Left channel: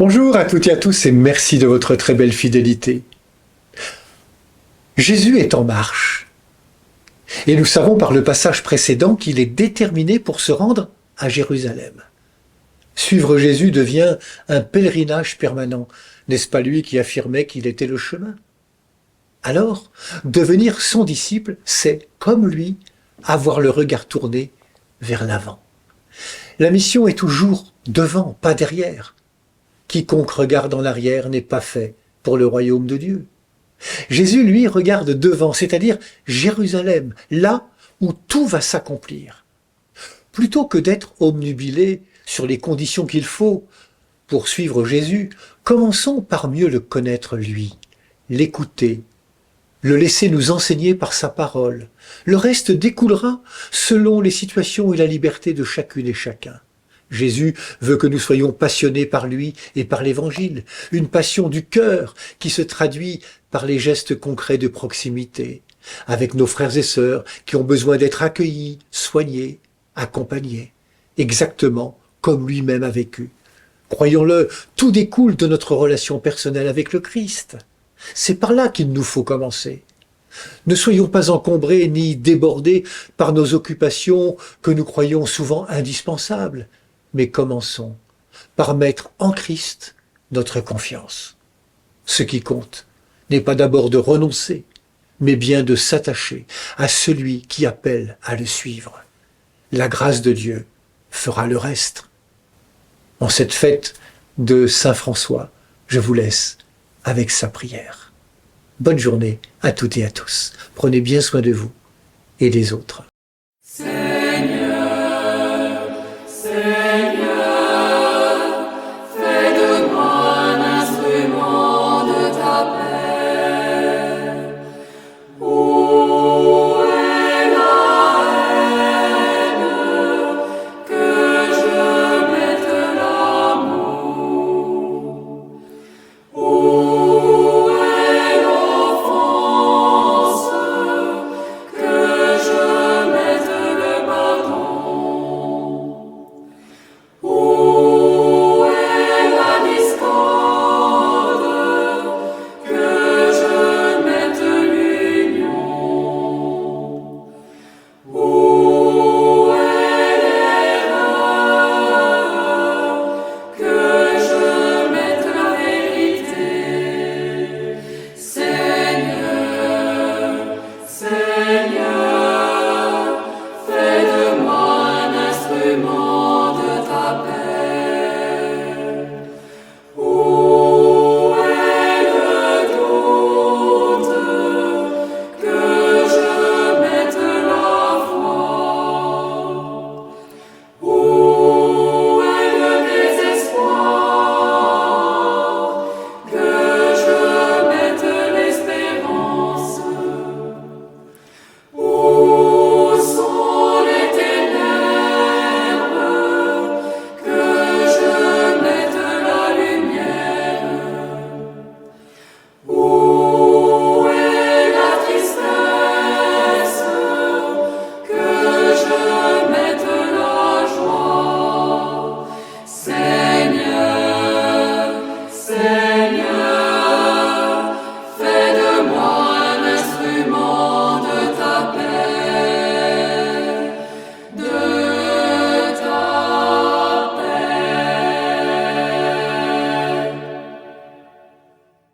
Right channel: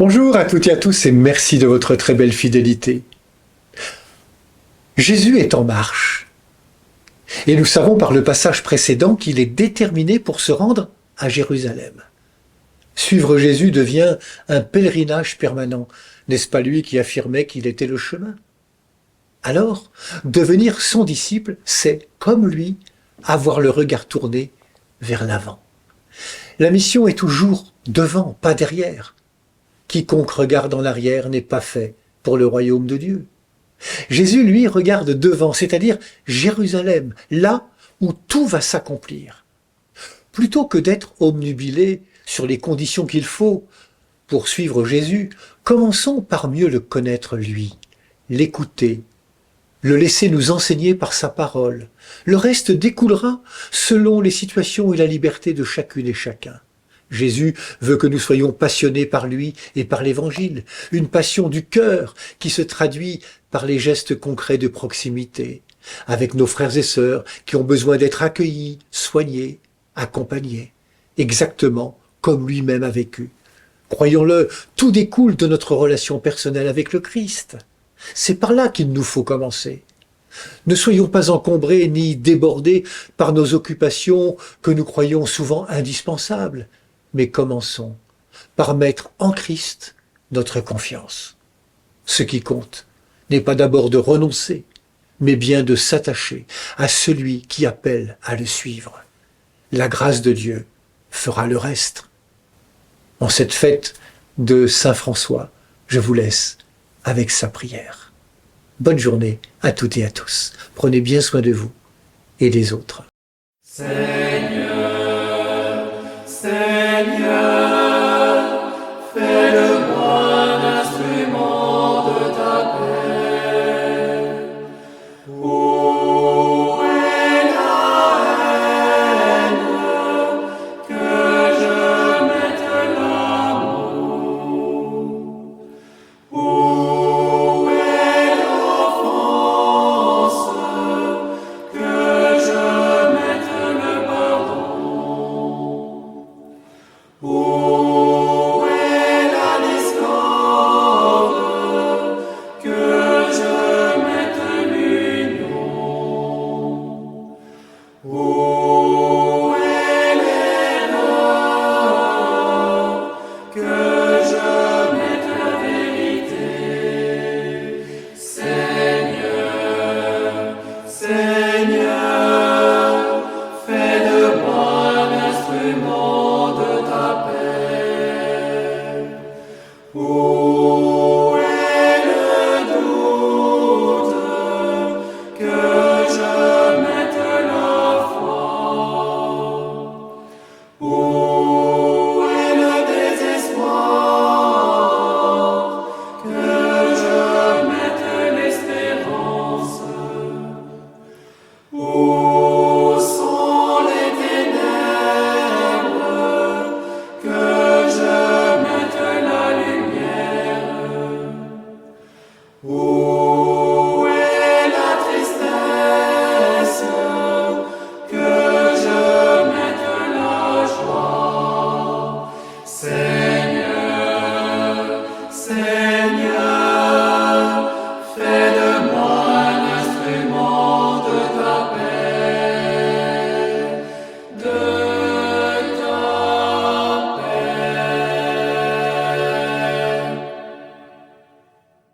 Bonjour à toutes et à tous et merci de votre très belle fidélité. Jésus est en marche et nous savons par le passage précédent qu'il est déterminé pour se rendre à Jérusalem. Suivre Jésus devient un pèlerinage permanent. N'est-ce pas lui qui affirmait qu'il était le chemin? Alors, devenir son disciple, c'est, comme lui, avoir le regard tourné vers l'avant. La mission est toujours devant, pas derrière. Quiconque regarde en arrière n'est pas fait pour le royaume de Dieu. Jésus, lui, regarde devant, c'est-à-dire Jérusalem, là où tout va s'accomplir. Plutôt que d'être obnubilé sur les conditions qu'il faut pour suivre Jésus, commençons par mieux le connaître lui, l'écouter, le laisser nous enseigner par sa parole. Le reste découlera selon les situations et la liberté de chacune et chacun. Jésus veut que nous soyons passionnés par lui et par l'Évangile, une passion du cœur qui se traduit par les gestes concrets de proximité, avec nos frères et sœurs qui ont besoin d'être accueillis, soignés, accompagnés, exactement comme lui-même a vécu. Croyons-le, tout découle de notre relation personnelle avec le Christ. C'est par là qu'il nous faut commencer. Ne soyons pas encombrés ni débordés par nos occupations que nous croyons souvent indispensables, mais commençons par mettre en Christ notre confiance. Ce qui compte n'est pas d'abord de renoncer, mais bien de s'attacher à celui qui appelle à le suivre. La grâce de Dieu fera le reste. En cette fête de Saint François, je vous laisse avec sa prière. Bonne journée à toutes et à tous. Prenez bien soin de vous et des autres. Seigneur, Seigneur, fais de moi un instrument de ta paix. Où est la haine? Que je mette l'amour. Où est l'offense? Que je mette le pardon. Où est la discorde? Que je mette l'union. Où est l'erreur? Que je mette la vérité. Seigneur, Seigneur, fais de moi un instrument de ta paix. Où est le doute? Que je mette la foi. Où est le désespoir? Que je mette l'espérance. Où